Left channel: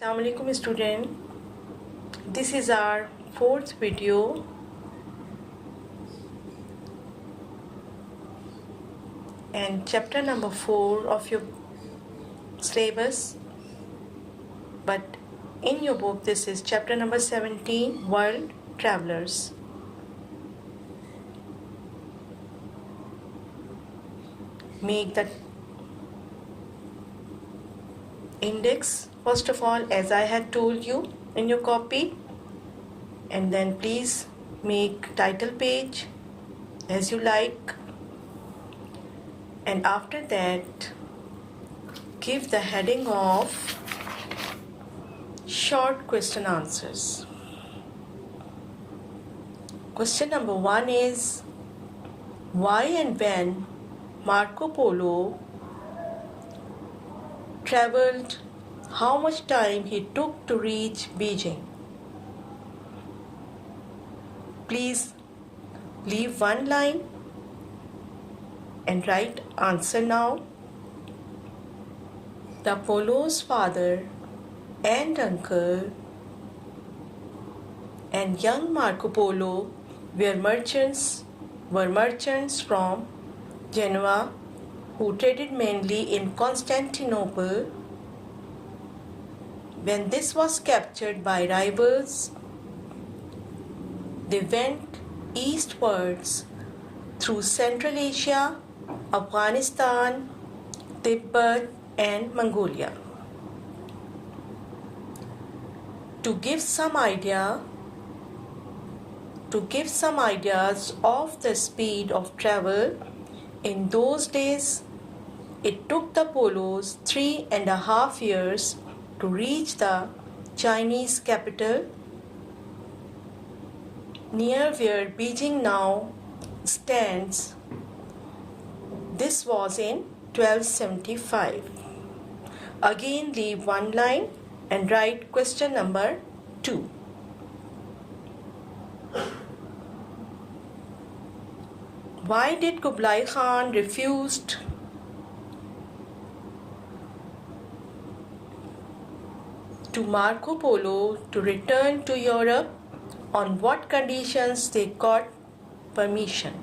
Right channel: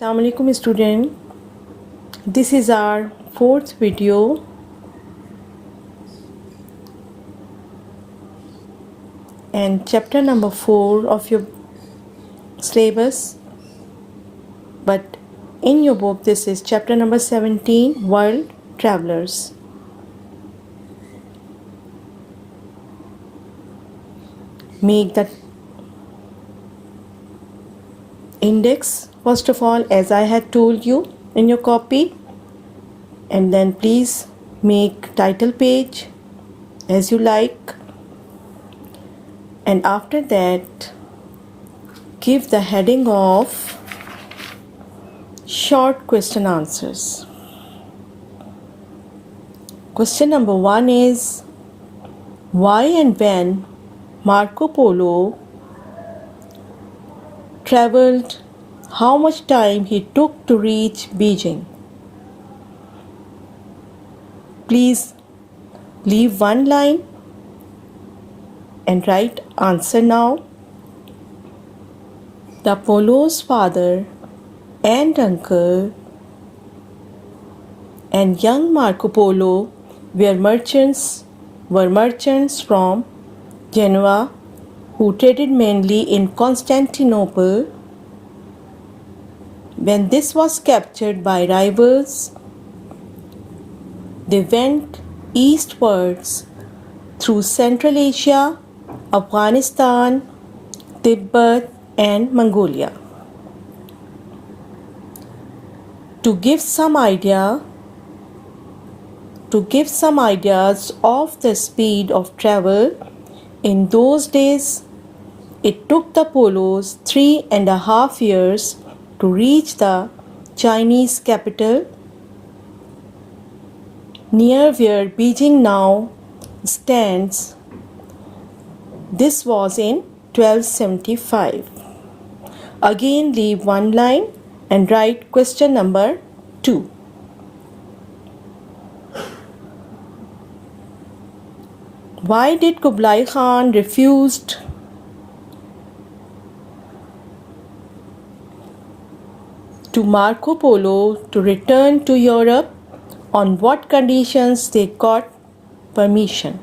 Assalamu alaikum student. This is our fourth video and chapter number 4 of your syllabus, but in your book this is chapter number 17, World Travelers. Make the index first of all, as I had told you in your copy, and then please make title page as you like, and after that give the heading of short question answers. Question number 1 is, why and when Marco Polo traveled, how much time he took to reach Beijing? Please leave one line and write answer now. The Polo's father and uncle and young Marco Polo were merchants from Genoa who traded mainly in Constantinople. When this was captured by rivals, they went eastwards through Central Asia, Afghanistan, Tibet, and Mongolia. To give some ideas of the speed of travel, in those days, it took the Polos 3.5 years to reach the Chinese capital, near where Beijing now stands. This was in 1275. Again, leave one line and write question number 2. Why did Kublai Khan refused to Marco Polo to return to Europe? On what conditions they got permission?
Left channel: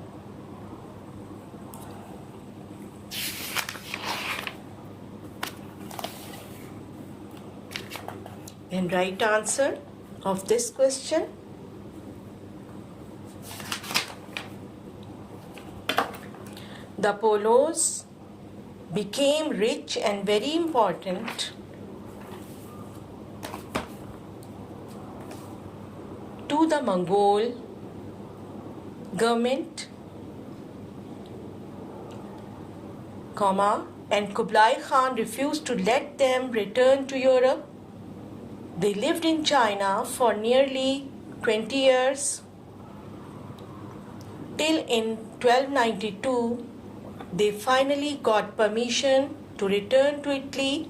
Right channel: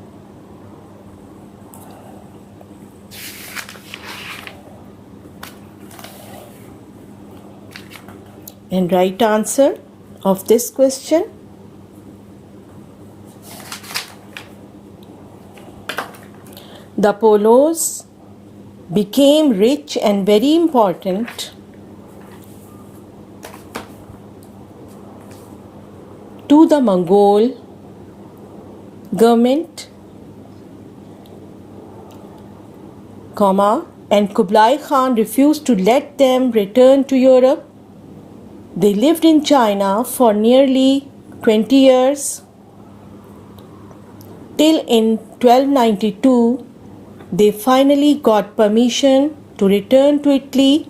And right answer of this question. The Polos became rich and very important to the Mongol government, and Kublai Khan refused to let them return to Europe. They lived in China for nearly 20 years till in 1292 they finally got permission to return to Italy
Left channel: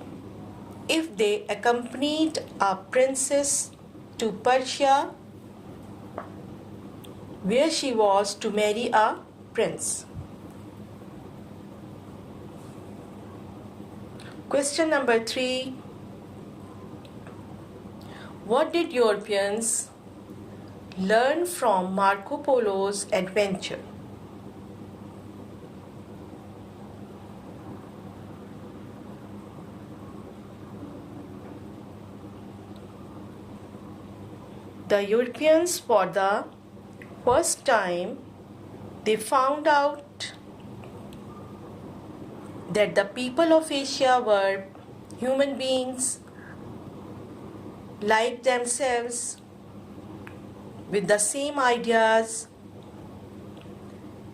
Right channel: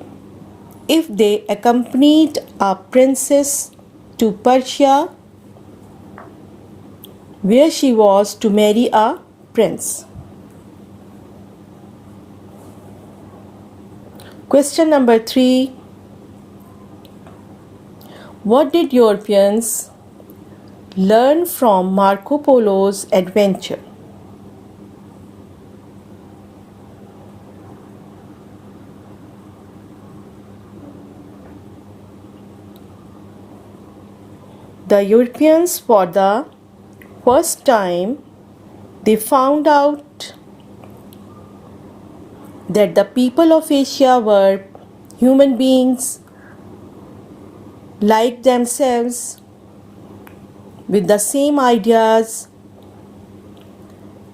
if they accompanied a princess to Persia, where she was to marry a prince. Question number 3. What did Europeans learn from Marco Polo's adventure? The Europeans, for the first time, they found out that the people of Asia were human beings like themselves, with the same ideas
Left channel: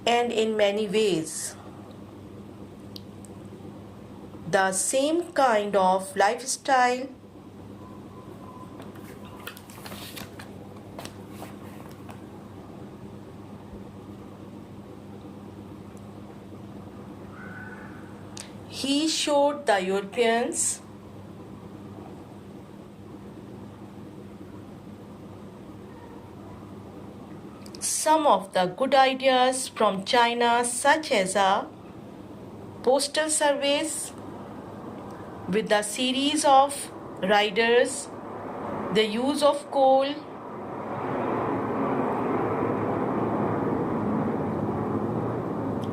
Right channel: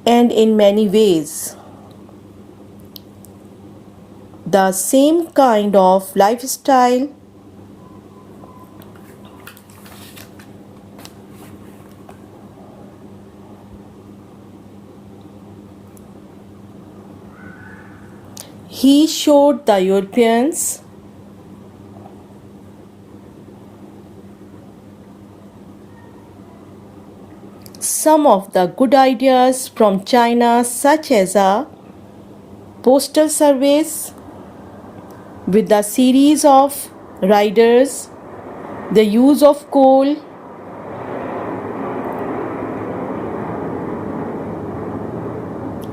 and in many ways the same kind of lifestyle. He showed the Europeans some of the good ideas from China, such as a postal service with a series of riders, the use of coal,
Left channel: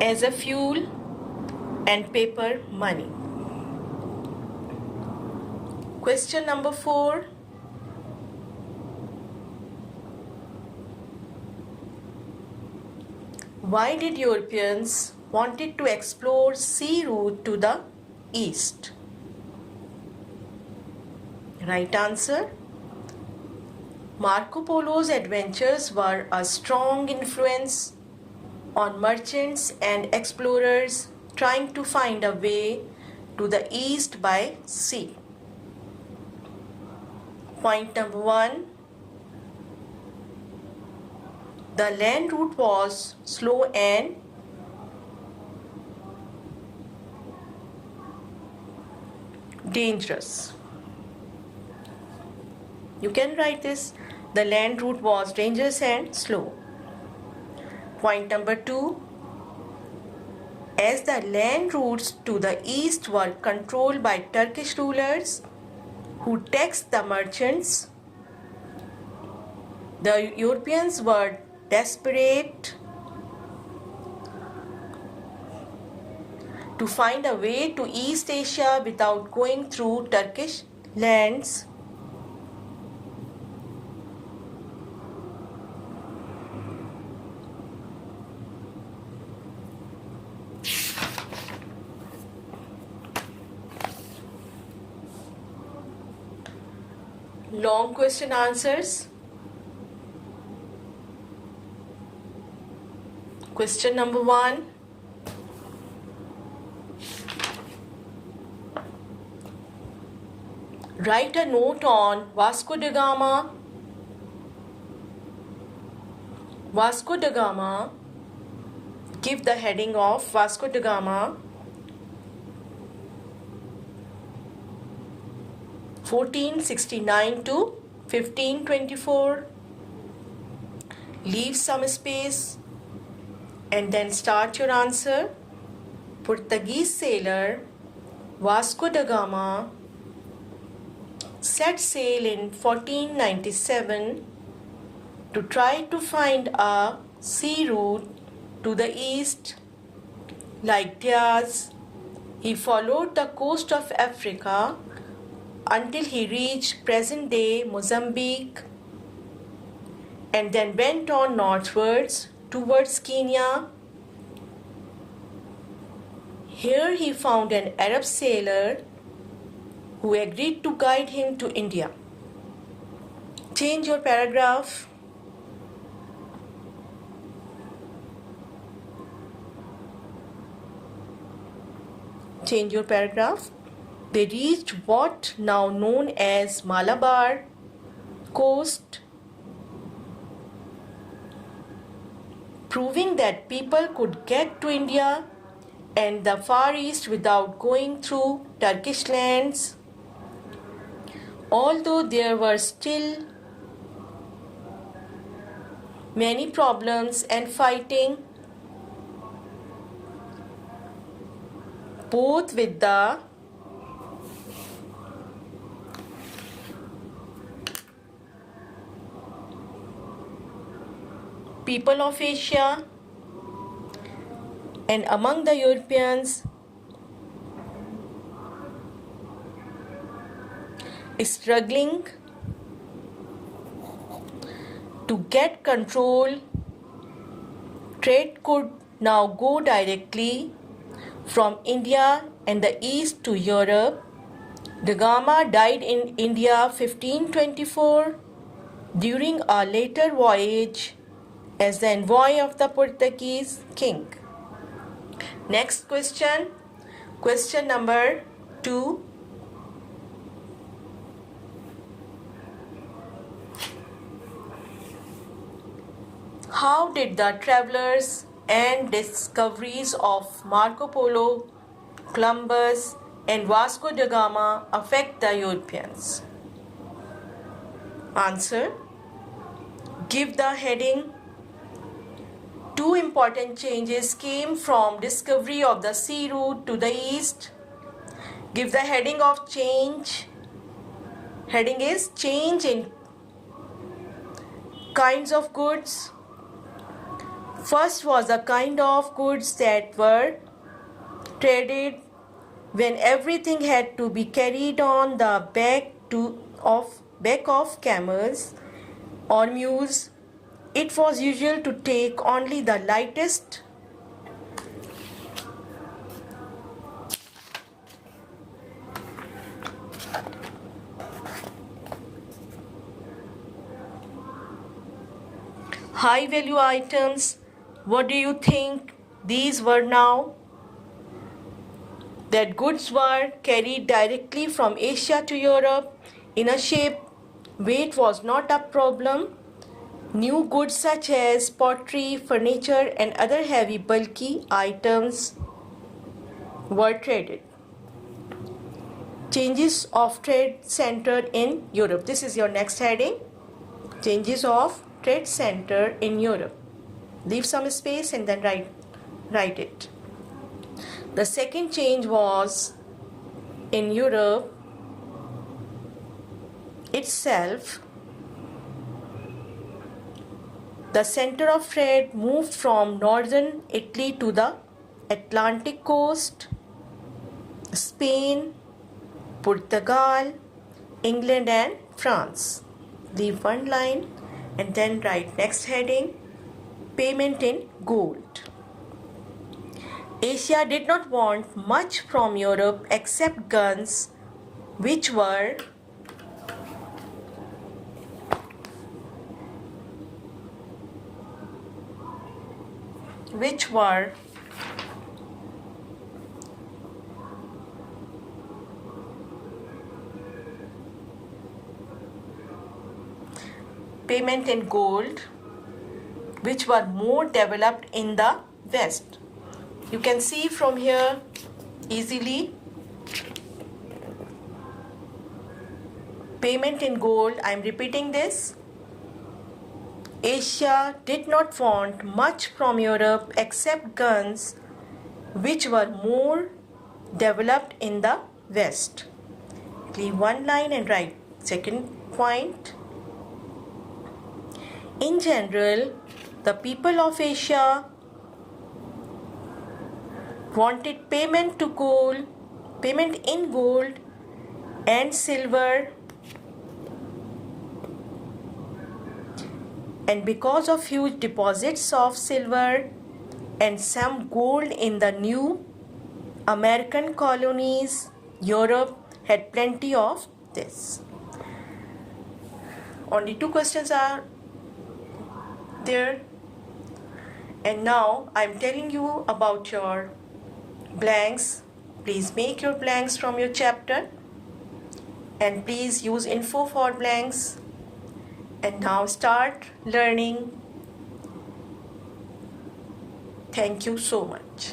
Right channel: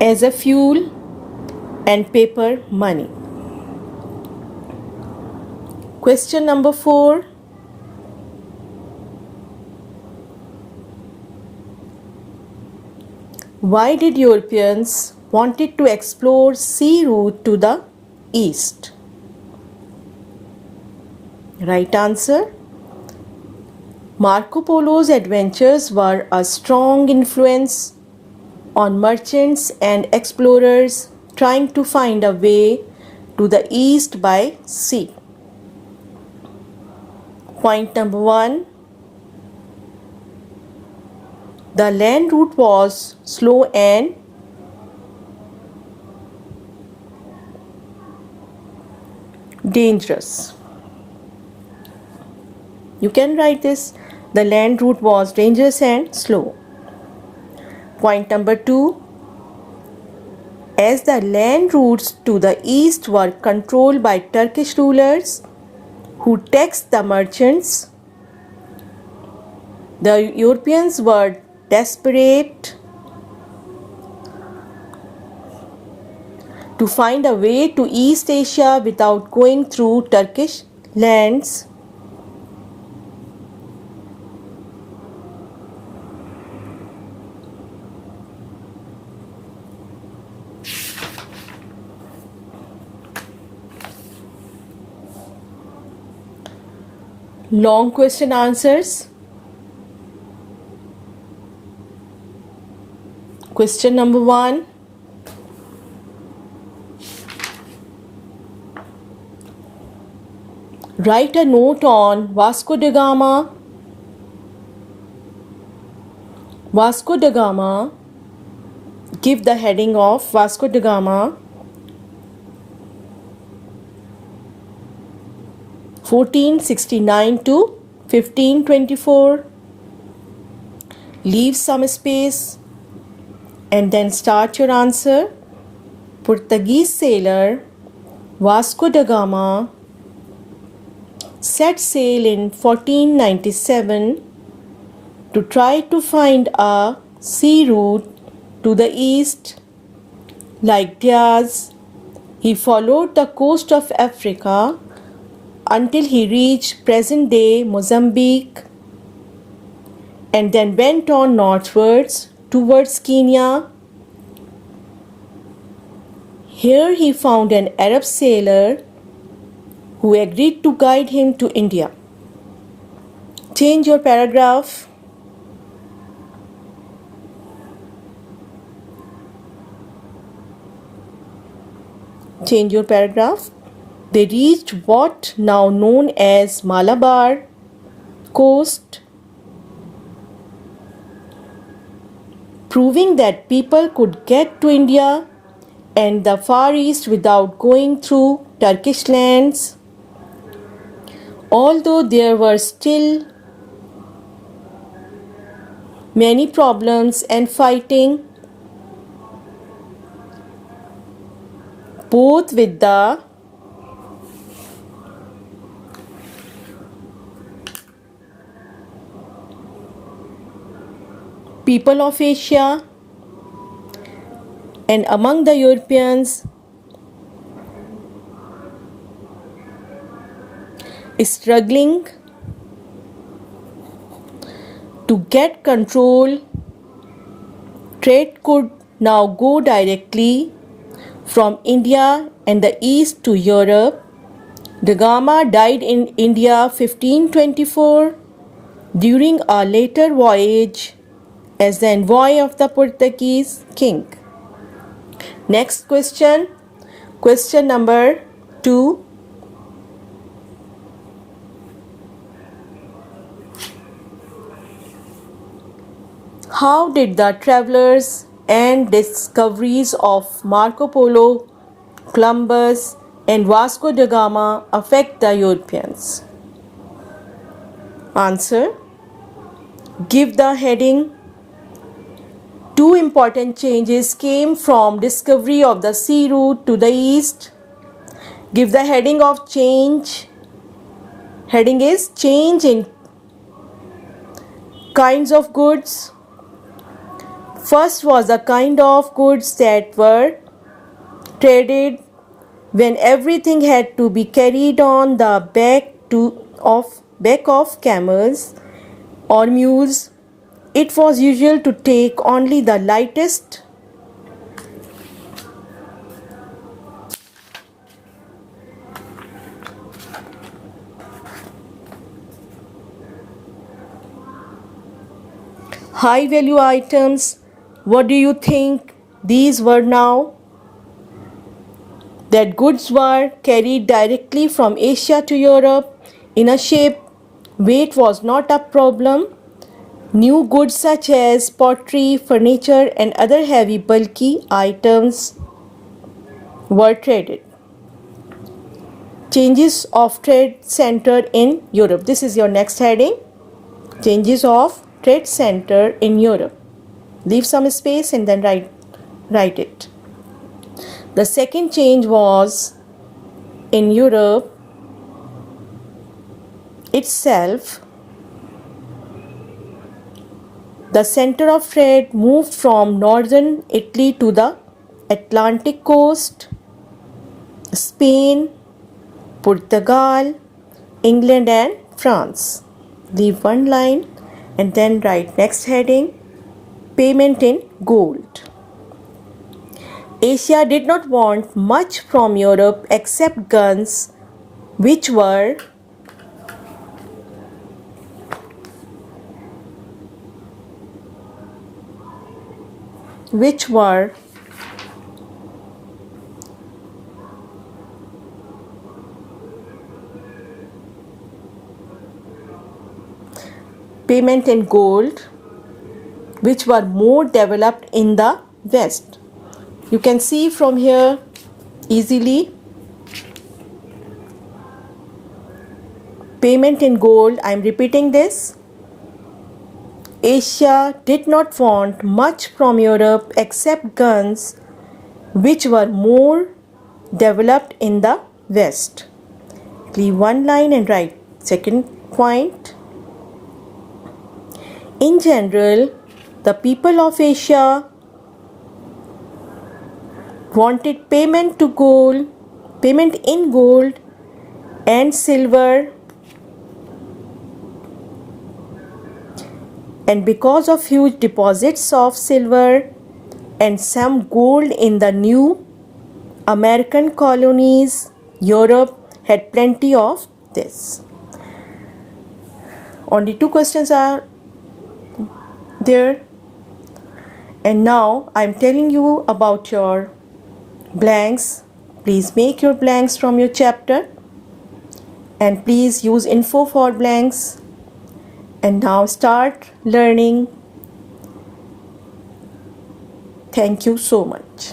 as a fuel, and paper money. Question number 4. Why did Europeans wanted to explore sea route to the east? Right answer. Marco Polo's adventures were a strong influence on merchants and explorers trying to find a way to the east by sea. Point number 1. The land route was slow and dangerous. You can write this. The land route was dangerous and slow. Point number 2. As the land routes to the east were controlled by Turkish rulers who taxed the merchants, the Europeans were desperate to find a way to East Asia without going through Turkish lands. Long question answers. Question number 1. Write a note on Vasco da Gama. Vasco da Gama. Give the heading of Vasco da Gama. 1469 to 1524. Leave some space and then start your answer. Portuguese sailor Vasco da Gama set sail in 1497 to try to find a sea route to the east. Like Diaz, he followed the coast of Africa until he reached present-day Mozambique and then went on northwards towards Kenya. Here he found an Arab sailor who agreed to guide him to India. Change your paragraph. Change your paragraph. They reached what now known as Malabar coast, proving that people could get to India and the Far East without going through Turkish lands. Although there were still many problems and fighting, both with the people of Asia and among the Europeans, struggling to get control, trade could now go directly from India and the east to Europe. Da Gama died in India 1524 during a later voyage as the envoy of the Portuguese king. Next question. Question number 2. How did the travelers and discoveries of Marco Polo, Columbus, and Vasco da Gama affect the Europeans? Answer. Give the heading. 2 important changes came from discovery of the sea route to the east. Give the heading of change. Heading is change in kinds of goods. First was the kind of goods that were traded when everything had to be carried on the back of camels or mules. It was usual to take only the lightest high value items. What do you think these were now? That goods were carried directly from Asia to Europe in a ship. Weight was not a problem. New goods such as pottery, furniture, and other heavy, bulky items were traded. Changes of trade centered in Europe. This is your next heading. Changes of trade center in Europe. Leave some space and then write it. The second change was in Europe itself. The center of trade moved from northern Italy to the Atlantic coast, Spain, Portugal, England and France. Leave one line and then write next heading, payment in gold. Asia did not want much from Europe except guns, which were payment in gold, which were more developed in the West. You can see from here easily. Payment in gold, I am repeating this. Asia did not want much from Europe except guns, which were more developed in the West. Leave one line and write second point. In general, the people of Asia wanted payment in gold and silver, and because of huge deposits of silver and some gold in the new American colonies, Europe had plenty of this. Only 2 questions are there, and now I am telling you about your blanks. Please make your blanks from your chapter and please use info for blanks. And now start learning. Thank you so much.